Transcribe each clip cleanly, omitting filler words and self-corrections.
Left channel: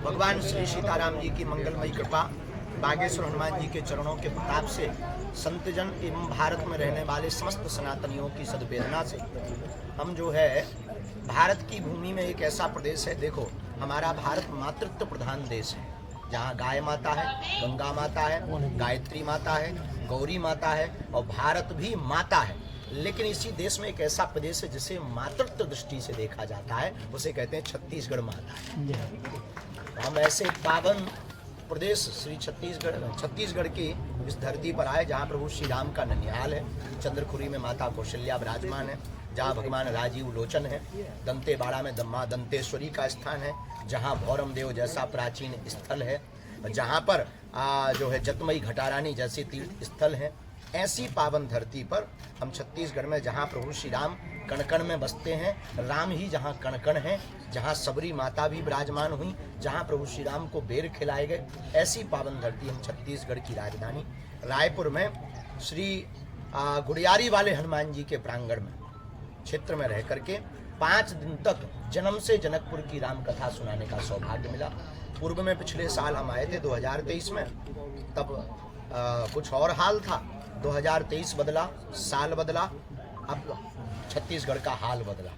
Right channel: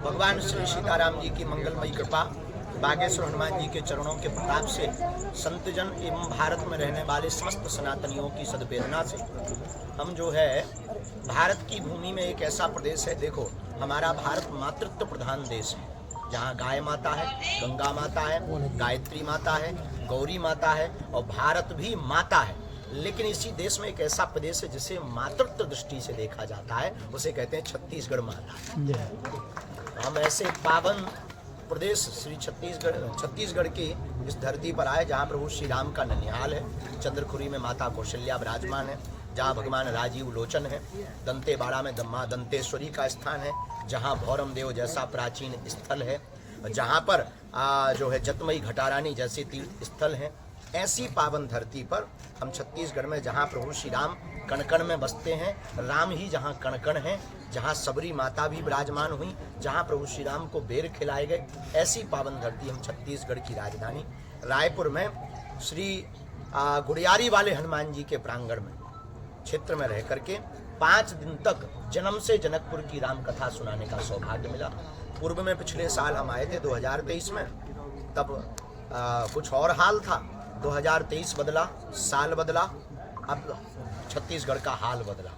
भगवान श्री सीताराम जी की मंगलमयी कृपा, बागेश्वर हनुमान जी के चरणों के प्रताप से, संतजन एवं भारत में रहने वाले समस्त सनातनियों की सद्वेदना से हम जो है भारत की भूमि में एक ऐसा प्रदेश है, देखो हमारा भारत मातृत्व प्रधान देश है, जहाँ गाय माता है, गंगा माता है, गायत्री माता है, गौरी माता है और भारत भी माता है। लेकिन इसी देश में एक ऐसा प्रदेश है जिसे मातृत्व दृष्टि से देखा जाता है, उसे कहते हैं छत्तीसगढ़ माता है। हम ऐसे पावन प्रदेश श्री छत्तीसगढ़ की इस धरती पर आए जहाँ प्रभु श्री राम का ननिहाल है, चंद्रखुरी में माता कौशल्या विराजमान है, जहाँ भगवान राजीव लोचन है, दंतेवाड़ा में मां दंतेश्वरी का स्थान है, जहाँ भौरम देव जैसा प्राचीन स्थल है, जहाँ पर जो है जतमई घटारानी जैसे तीर्थ स्थल हैं। ऐसी पावन धरती पर हम छत्तीसगढ़ में, जहाँ प्रभु श्री राम कण कण में बसते हैं, राम ही जहाँ कण कण हैं, जहाँ सबरी माता भी विराजमान हुई, जहाँ प्रभु श्री राम को बेर खिलाए गए, ऐसी पावन धरती हम छत्तीसगढ़ की राजधानी रायपुर में श्री गुड़ियारी वाले हनुमान जी के प्रांगण में क्षेत्र में रह करके 5 दिन तक जन्म से जनकपुर की राम कथा सुनाने का सौभाग्य मिला। पूर्व में पिछले साल हम आए थे 2023 में, तब कुछ और हाल था। 2023 बदला, साल बदला, अब छत्तीसगढ़ का हाल बदला,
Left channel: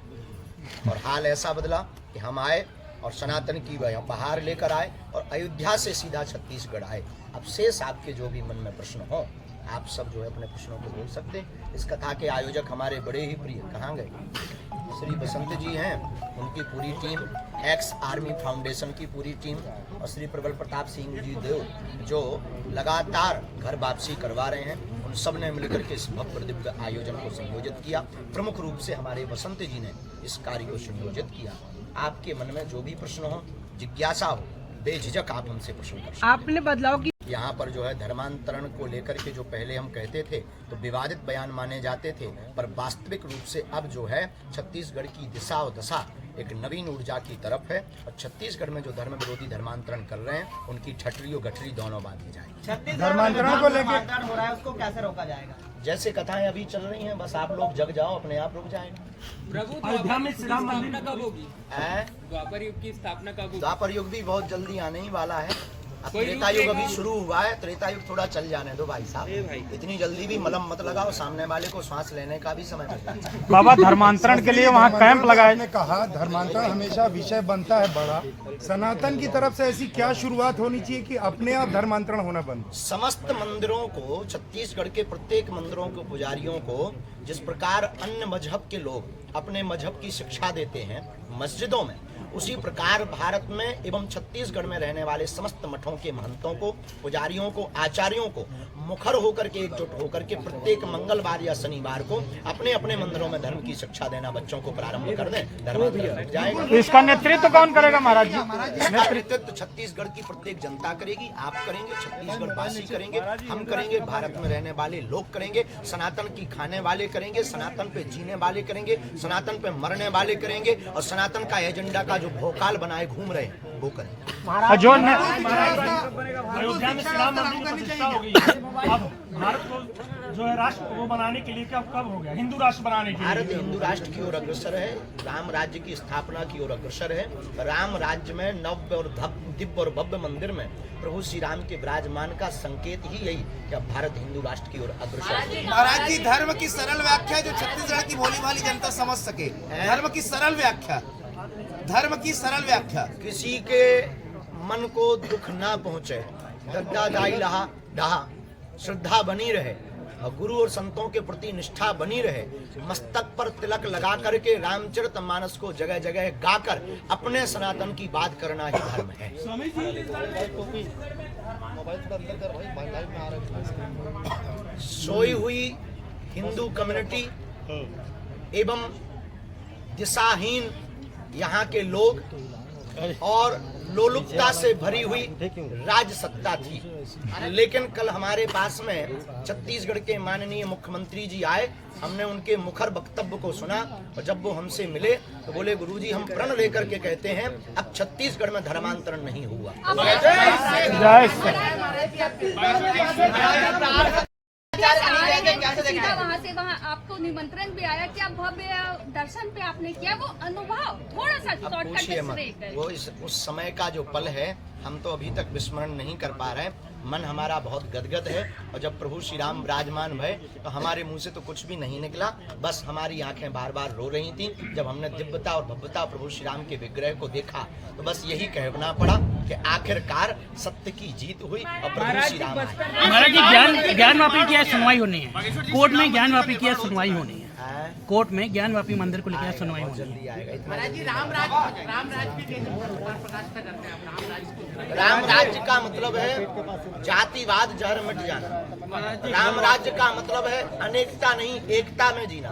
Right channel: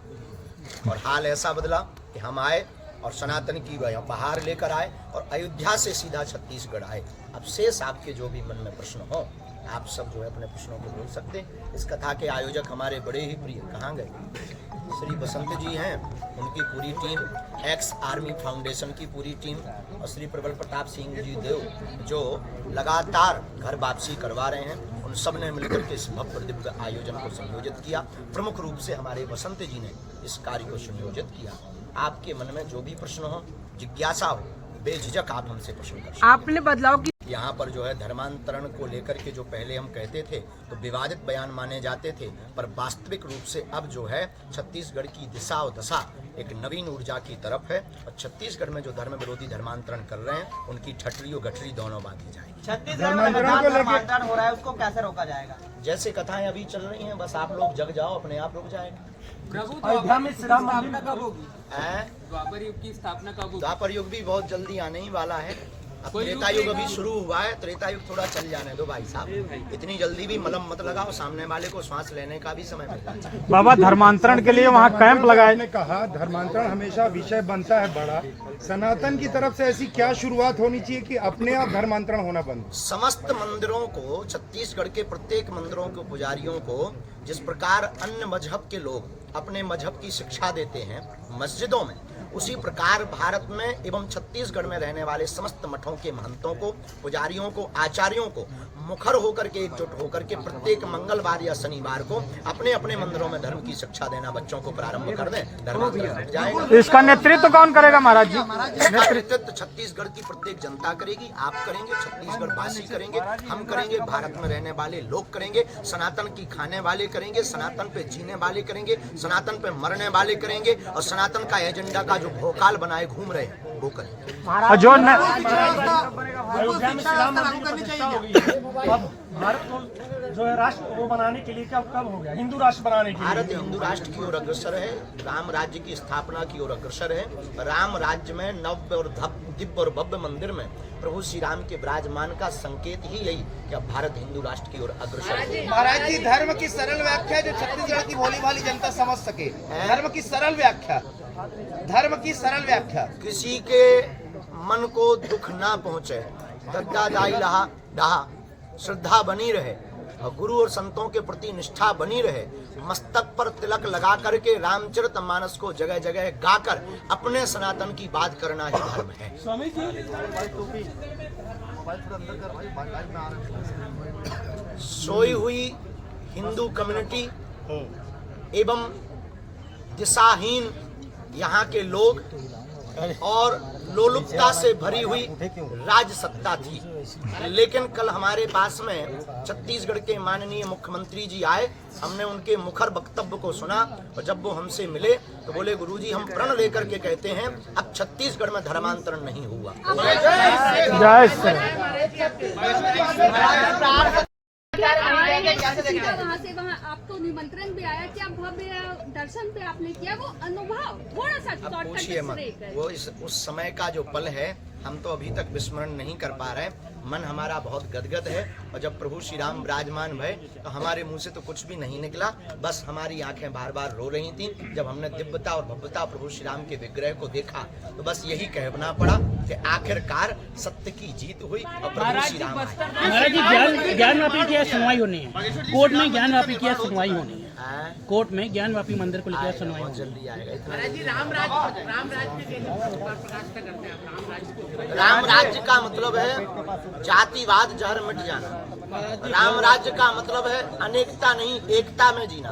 और हाल ऐसा बदला कि हम आए और सनातन की बहार लेकर आए और अयोध्या से सीधा छत्तीसगढ़ आए। अब शेष आपके जो भी मन में प्रश्न हो, आप सब जो है अपने प्रश्नों को बोल सकते हैं। इस कथा के आयोजक हमारे बड़े ही प्रिय, कहाँ गए, श्री बसंत जी हैं, उनकी पूरी टीम, एक्स आर्मी फाउंडेशन की पूरी टीम, और श्री प्रबल प्रताप सिंह जी देव जो लगातार घर वापसी करवा रहे हैं, उन सब ने मिलकर के इस भव्य दिव्य आयोजन को संयोजित किया। प्रमुख रूप से हमारे बसंत जी ने इस कार्य को संयोजित किया। आपके मन में जो भी प्रश्न हो, जिज्ञासा हो, बेझिझक आप हमसे प्रश्न कर सकते हैं। आपने बदलाव की यहाँ पर जो है धर्मांतरण को लेकर के जो पहले हम कहते थे तो विवादित बयान माने जाते थे, पर वास्तविक रूप से अब जो है छत्तीसगढ़ की दिशा और दशा एक नवीन ऊर्जा की तरफ है, और छत्तीसगढ़ में जो धर्म विरोधी धर्मांतरण कर रहे हैं उनकी ठटरी और गठरी दोनों बांधी जाएगी। छत्तीसगढ़ में धर्मांतरण हो रहा है, उसको कैसे रोका जाएगा? जैसे कथाएं अभी चल रही हैं, बस आप लोग जग जाओ, अपने आप रुक जाएगा। प्रभु द्वापर में स्थापना कब होगी? द्वापर युग की स्थापना कब होगी? द्वापर युग भी बहुत जल्दी आने ही वाला है। अब त्रेता युग अभी शुरू हुआ है, त्रेता युग थोड़ा चल जाने दो भाई साहब, इतनी जल्दी भी मलम मत लगाओ, सामने वाले को सांस लेने का भी समय मिलना चाहिए। बाबा धर्मांतरण के लिए वहाँ कैंप लगाए, ने कहा धर्मांतरण हमेशा विषय बनता है बड़ा, सनातन की तरफ से ऐसी क्या शुरुआत होनी चाहिए कि अपने आप धर्मांतरण होना बंद? समस्त मंदिरों को, छत्तीसगढ़ के प्रत्येक मंदिरों के पुजारियों को जिस प्रकार अन्य मजहब के लोग अपने मजहब की शिक्षा देते हैं मस्जिदों में, उसी प्रकार भारत में एवं छत्तीसगढ़ में रहने वाले समस्त मठों के महंतों को, पुजारियों को, आचार्यों को मुखर होकर के, एकजुट होकर के प्रत्येक मंगलवार या शनिवार को अपने अपने मंदिरों में धर्म की शिक्षा देना बच्चों को प्रारंभ कर दें, धर्मांतरण रुक जाएगा। इसका नेतृत्व कौन करेगा महाराज जी? इसका नेतृत्व छत्तीसगढ़ की प्रत्येक जनता करेगी, आप करेंगे, छत्तीसगढ़ वासी करेंगे, हम करेंगे, भारत में रहने वाले लोग करेंगे, सनातन की खाने वाले करेंगे, सनातन पे जीने वाले करेंगे, सनातन पे मरने वाले करेंगे, और सनातन का एजेंडा का जो भोकाल बनाए घूम रहे हैं वो करें। जो जो है राष्ट्र वो बनाने के लिए कब हो गया, हिंदू राष्ट्र बनाने के लिए? भारत हिंदू राष्ट्र की ओर अग्रसर है, राम राज्य की स्थापना की ओर अग्रसर है। राम राज्य में नव्य और दिव्य और भव्य मंदिर में प्रभु श्री राम के विराजमान का संकेत ही यही कि अब भारत हिंदू राष्ट्र की ओर अग्रसर है। महाराज जी, धर्म की सरल व्याख्या जो छत्तीसगढ़ की भोली भाली जनता समझ सके, धर्म की सरल व्याख्या, धर्म की सरल व्याख्या। किसी के मन को दुख ना पहुंचे, दद्दा दाई लहा डहा, श्रद्धा बनी रहे और गुरु और संतों के प्रति निष्ठा बनी रहे, मस्तक पर तिलक लगा करके रामचरितमानस को जगह जगह गाकर अपने सनातन की बात करना ही धर्म है। सोई हुई हिंदू कम्युनिटी एवं दिशाहीन यहाँ के लोग और लोलुपता से भरी हुई राज सत्ता थी, लेकिन कल हमारे पास में छत्तीसगढ़ के माननीय मुख्यमंत्री जी आए, हमने उनके मुखर वक्तव्य को सुना, और जब वो हमसे मिले तो बोले गुरुजी हम प्रण लेकर के कहते हैं अब छत्तीसगढ़ में धर्मांतरण नहीं हुआ। वहाँ से वहाँ आप आपको निमंत्रण भी आया, क्या भव्य दर्शन पे आपने किया, वो अनुभव थोड़ा सा अब शॉर्टकट पूछिए में मत, शेयर करें। वो उस समय का जो पल है हम तो अभी तक विस्मरण नहीं कर पा रहे। मन हमारा बहुत गदगद है और जब प्रभु श्री राम विराजमान भये तो हमारे मुंह से तो कुछ भी नहीं निकला, बस हमारी आंखें बार बार रो रही थीं। जब हमने दिव्यता और भव्यता प्रभु श्री राम के विग्रह को देखा तो बस यही कहना पड़ा कि आखिरकार सत्य की जीत हुई और प्रभु श्री राम आए। महाराज जी ज्ञानवापी की आज सुनवाई होनी है, कोर्ट में ज्ञानवापी की आज सुनवाई होनी है, कोर्ट में ज्ञानवापी मंदिर को लेकर सुनवाई बहुत जल्दी आएगा, इतना जल्दी राम राज्य का मतलब है जातिवाद जहर मिट जाना। राम राज्य का मतलब है अनेकता नहीं एकता में जीना।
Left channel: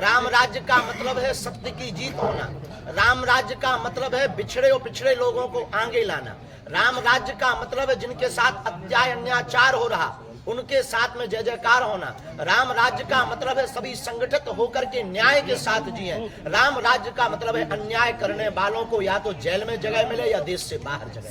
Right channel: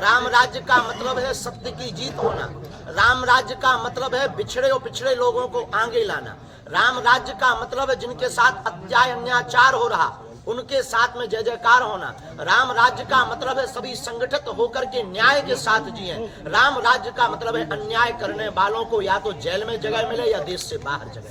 राम राज्य का मतलब है सत्य की जीत होना। राम राज्य का मतलब है बिछड़े और पिछड़े लोगों को आगे लाना। राम राज्य का मतलब है जिनके साथ अन्याय अत्याचार हो रहा उनके साथ में जय जयकार होना। राम राज्य का मतलब है सभी संगठित होकर के न्याय के साथ जिए। राम राज्य का मतलब है अन्याय करने वालों को या तो जेल में जगह मिले या देश से बाहर जगह।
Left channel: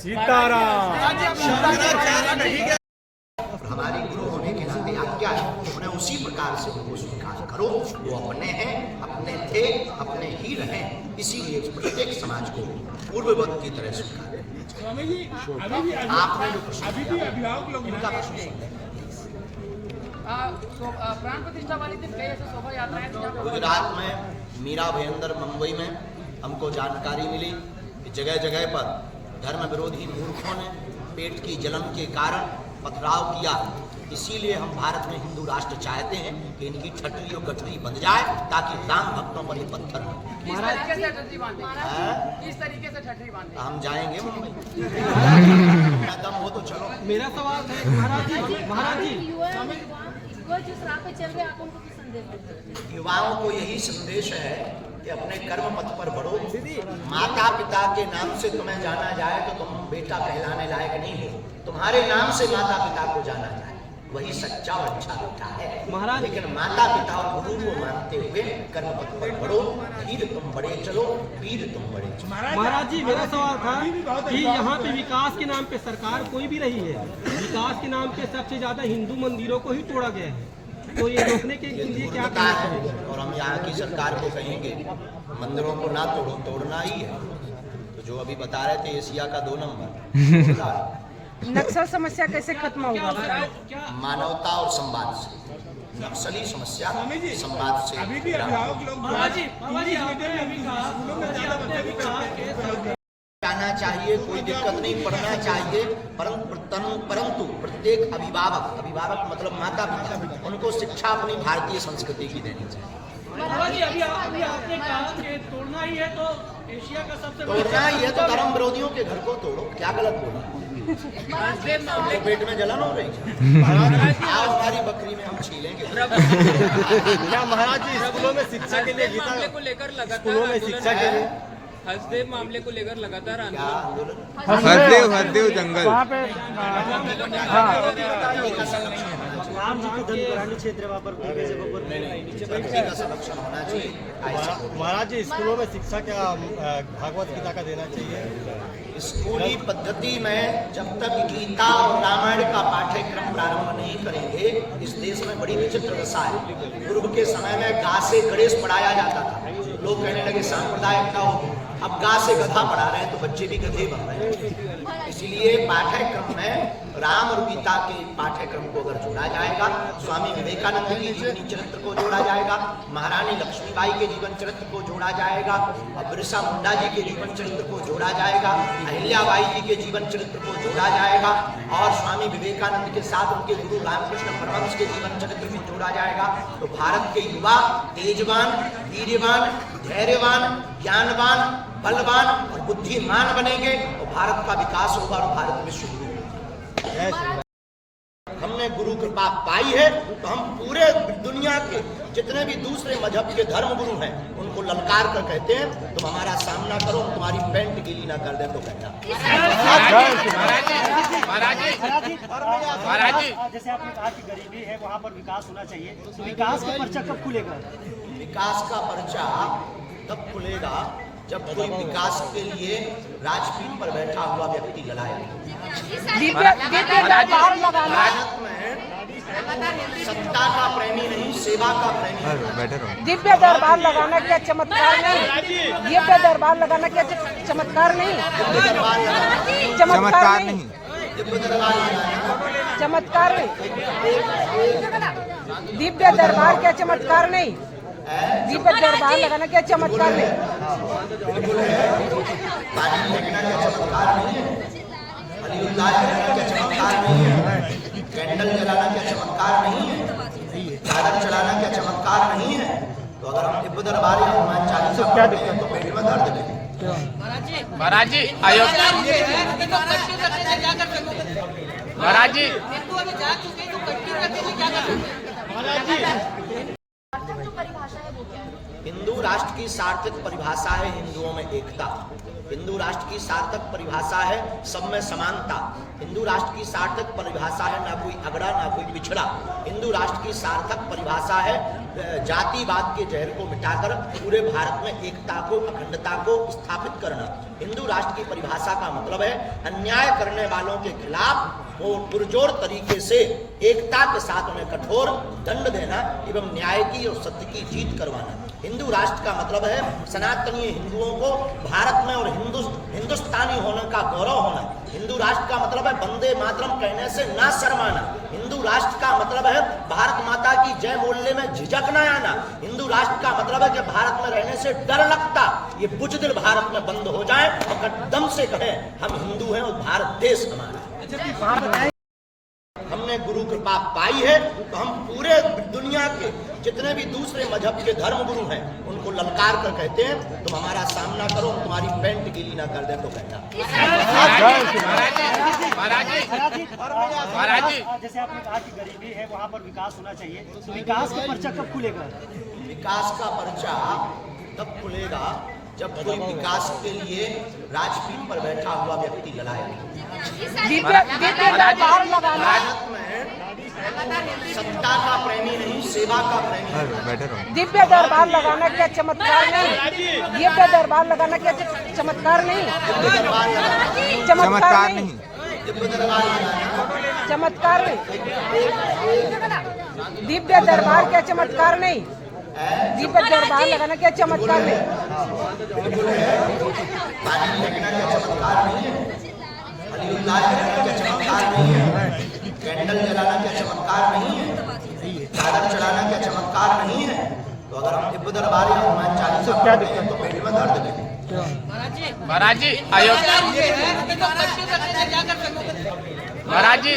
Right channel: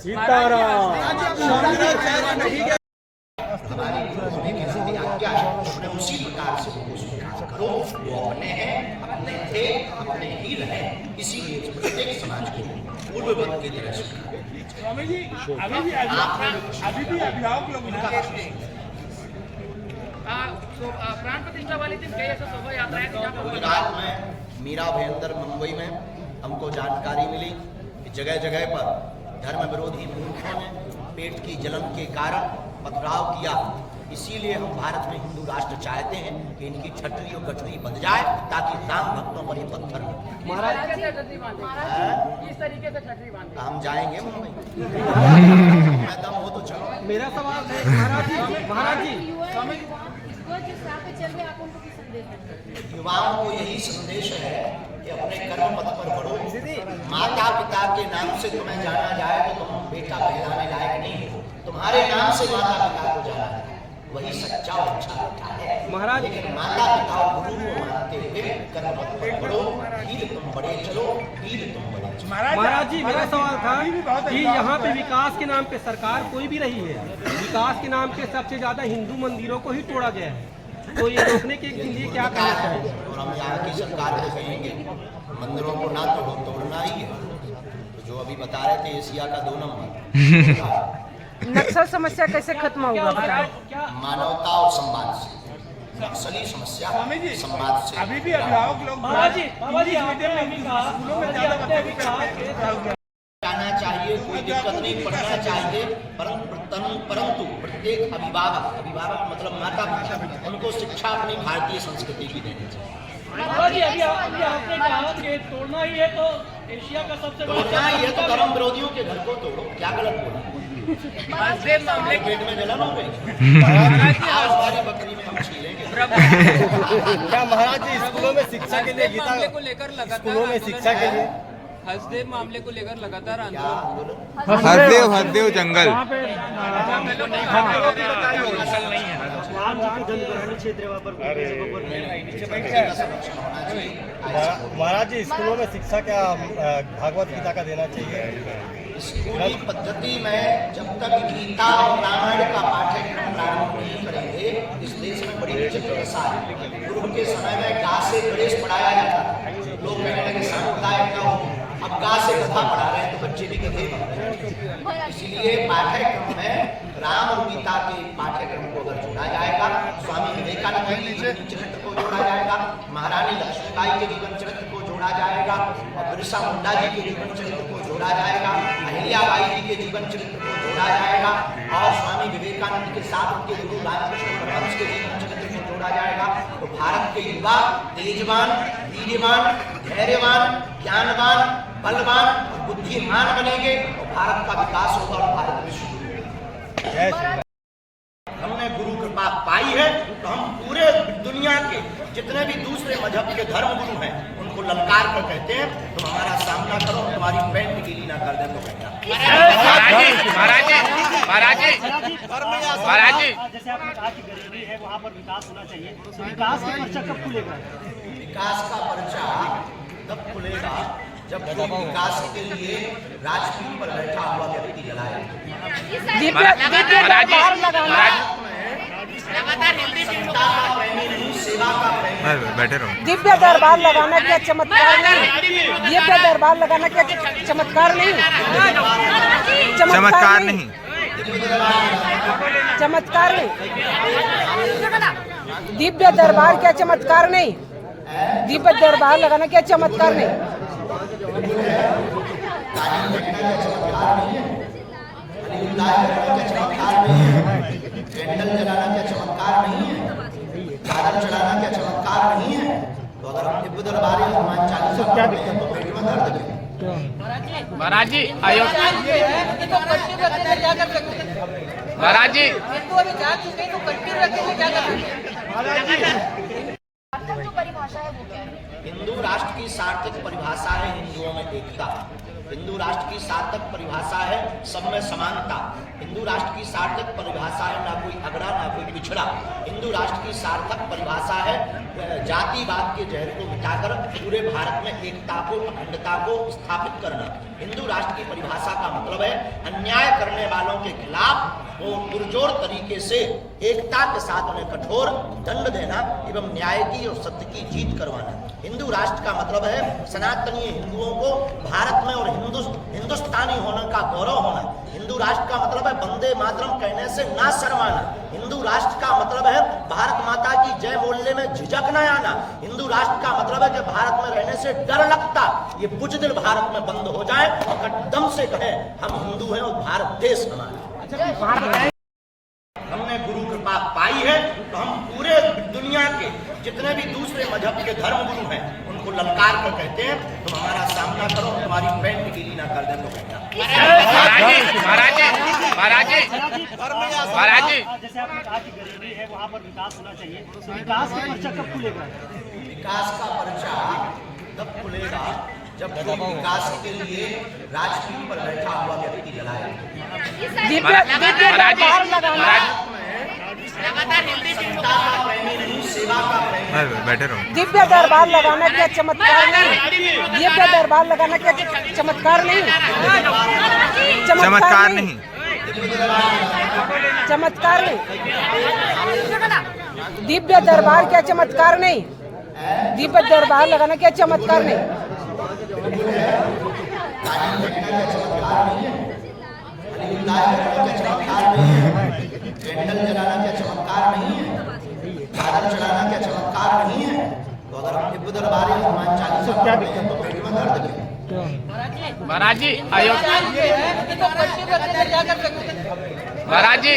हमारी गुरु होने के नाते आज्ञा है, उन्हें उसी प्रकार से उनको स्वीकार करो। वो अपने हैं, अपने थे, अपने ही रहे। इसीलिए प्रत्येक समाज को पूर्ववत की तरह स्वीकार करना चाहिए। आपने जो प्राण प्रतिष्ठा वाली दिन कई ऐसे शोभा यात्राएं गुजरात में मीरा भयंदर मुंबई में हमको जानकारी मिली कि जगह जगह पर धर्म विरोधी मूर्खों ने पेट की जलन के कारण पथराव किया। इसीलिए हम भारत में हिंदू राष्ट्र चाहते हैं कि इनकी ठटरी और गठरी बंध जाए ताकि राम भक्तों पर ये पत्थर न गिरे। किस तरीके से छठी बांधे? हम जाएंगे मुंबई। मैं दम हो तो चलो। मेरा सवाल है महाराज जी युवा जिस राह पे चल रहे हैं, आप उनको किस संदेश देंगे? युवाओं को यही संदेश है कि अपने कर्म पथ पर बढ़ो। माता पिता के नाम से तुम्हें जाना जाए तो तुम बेटा कहलाने लायक नहीं हो। तुम्हारे नाम से माता पिता को जाना जाए वही सच्चा और अच्छा बेटा है। लेकिन माता पिता और गुरु को मानते हुए कर्म पथ पर बढ़ो। धीर तुम बड़े चलो, वीर तुम बड़े चलो। महाराज जी मेरा सवाल था कि यहाँ पे विकास के नाम पे सरकार कोई भी रही है, विकास के नाम पे सबसे ज्यादा हिंदू मंदिरों को ही तोड़ा गया है, तो ये रोकने के लिए क्या करना चाहिए? और हम यहाँ की सरकार को कहेंगे मंदिरों को ना तोड़ो, तोड़ना ही है। तो जो अभी बता रहे थे एशिया का 2 नंबर नक्सल समस्या कैसे खत्म होगा? मानवता और संवाद से। नक्सली समस्या संवाद से। अभी भी अभिभावक लोग जाना चाहिए, कोई दिक्कत नहीं, पढ़ना चाहिए, परंतु प्रत्येक अभिभावक मतलब माता पिता, उनको शिक्षा अपनी भारतीय संस्कृति की देनी चाहिए। अभी आपने कहा कि तोड़ना ही है तो एशिया का सबसे तोड़ना ही है तो धर्म विरोधियों के घर को तोड़ो। क्या गलत बोला? तो पेट में जलन हो रही आओ हमारी बकरी में हम छीलेंगे। क्या महाराज जी स्कूलों में शिक्षा के लिए मामले को लेकर लगातार स्कूलों में शिक्षा के लिए हसदेव मामले को लेकर लगातार क्या आंदोलन? हरदेव जंगल राम जी को दंडग्राही क्षेत्र वहाँ पर बकरी का संरक्षण होना चाहिए। ऐसा बोलो। महाराज जी स्कूलों में शिक्षा का भागवत गीता का देना चाहिए। स्कूली पद्धति में जब तक गीता और रामायण का पाठ्यक्रम प्रारंभ नहीं करेंगे इस देश में बड़ी विचित्र दशा है। पूर्व के समय में गा से गणेश पढ़ाया जाता था, लोग कहने लगे सांप्रदायिकता होगी। अब गा से गधा पढ़ा रहे हैं तो बच्चे भी गधे बन रहे हैं। इसलिए पाठ्यक्रम में राम और गीता के पाठ्यक्रम को अगर जोड़ा जाएगा, स्वामी विवेकानंद के जीवनी चरित्र को जोड़ा जाएगा, महारानी लक्ष्मीबाई के जीवन चरित्र को जोड़ा जाएगा और बिरसा मुंडा जी के जीवन चरित्र को जोड़ा जाएगा, अहिल्याबाई जी के जीवन चरित्र को जोड़ा जाएगा और स्वामी विवेकानंद के साथ उनके गुरु रामकृष्ण परमहंस के जीवन चरित्र को जोड़ा जाएगा तो भारत के युवा तेजवान, वीर्यवान, धैर्यवान, ज्ञानवान, बलवान और बुद्धिमान बनेंगे और भारत का विकास होगा और भारत विश्व गुरु होगा। हमने गुरु कृपा पाई है तो हम पूरे दुनिया के जितने भी दूसरे मजहब के धर्म गुरु हैं उनको ललकार कर कहते हैं तुम हमारा सामना करो, हम तुम्हारी पैंट गीली ना कर दे तो कहना। महाराज जी जैसे आपने कहा कि गरीबी है वहाँ पर विकास होना चाहिए, तो विकास का पर्चा कब खुलेगा? विकास का पर्चा तब खुलेगा जब कोई विकास के लिए राजपीठ पर बैठा हुआ व्यक्ति लड़ाए। सत्ता का प्रेमी नहीं, सेवा का प्रेमी। बैठे रहो। दिव्य दरबार लगाना क्या चमत्कार नहीं? दिव्य दरबार लगाना क्या चमत्कार नहीं? चमत्कार नहीं। चमत्कार नहीं। दिव्य दरबार क्या चमत्कार नहीं? दिव्य दरबार लगाना क्या चमत्कार नहीं? बिल्कुल है। पानी फेंकना क्या चमत्कार नहीं है? अलीउल्लाह करना क्या चमत्कार नहीं है? कैंडल जलाना क्या चमत्कार नहीं है? चादर चढ़ाना क्या चमत्कार नहीं है? तो अगर हम दिव्य दरबार या हनुमान चालीसा पढ़ते हैं तो पेट में दर्द क्यों? महाराज जी अयोध्या महाराज जी हिंदू राष्ट्र की सार्थक परिभाषा है हिंदुओं में एकता। हिंदू राष्ट्र की सार्थक परिभाषा है सब में समानता। हिंदू राष्ट्र की सार्थक परिभाषा है ना कोई अगड़ा ना कोई पिछड़ा। हिंदू राष्ट्र की सार्थक परिभाषा है जातिवाद के जहर को मिटाकर पूरे भारत में एकता को, अखंडता को स्थापित करना। हिंदू राष्ट्र की परिभाषा का मतलब है अन्याय करने वालों के खिलाफ वो पुरजोर तरीके से एकता के साथ उन्हें कठोर दंड देना एवं न्याय की और सत्य की जीत करवाना। हिंदू राष्ट्र का मतलब है सनातनीय हिंदुओं को भारत में और हिंदुस्तानी होने का गौरव होना। हिंदू राष्ट्र का मतलब है वंदे मातरम कहने से ना शर्माना। हिंदू राष्ट्र का मतलब है भारत माता की जय बोलने में झिझक न आना। हिंदू राष्ट्र का मतलब है कि भारत में रहने से डर लगता ये बुजदिल भारत में बंद हो जाए और दम से कहे हम हिंदू हैं और भारत देश हमारा। हमने गुरु कृपा पाई है तो हम पूरे दुनिया के जितने भी दूसरे मजहब के धर्म गुरु हैं उनको ललकार कर कहते हैं तुम हमारा सामना करो, तुम्हारी पैंट गीली ना कर दे तो कहना। महाराज जी जैसे आपने कहा कि गरीबी है वहाँ पर विकास होना चाहिए, तो विकास का पर्चा कब खुलेगा? विकास का पर्चा तब खुलेगा जब कोई विकास के लिए राजपीठ पर बैठा हुआ व्यक्ति जलाए। महाराज सत्ता का प्रेमी नहीं, सेवा का प्रेमी। बैठे रहो। दिव्य दरबार लगाना क्या चमत्कार नहीं? दिव्य दरबार लगाना क्या चमत्कार नहीं? चमत्कार नहीं। चमत्कार नहीं। दिव्य दरबार क्या चमत्कार नहीं? दिव्य दरबार लगाना क्या चमत्कार नहीं? बिल्कुल है। पानी फेंकना क्या चमत्कार नहीं है? अलीउल्लाह करना क्या चमत्कार नहीं है? कैंडल जलाना क्या चमत्कार नहीं है? चादर चढ़ाना क्या चमत्कार नहीं है? तो अगर हम दिव्य दरबार या हनुमान चालीसा पढ़ते हैं तो पेट में दर्द क्यों? महाराज जी अयोध्या महाराज जी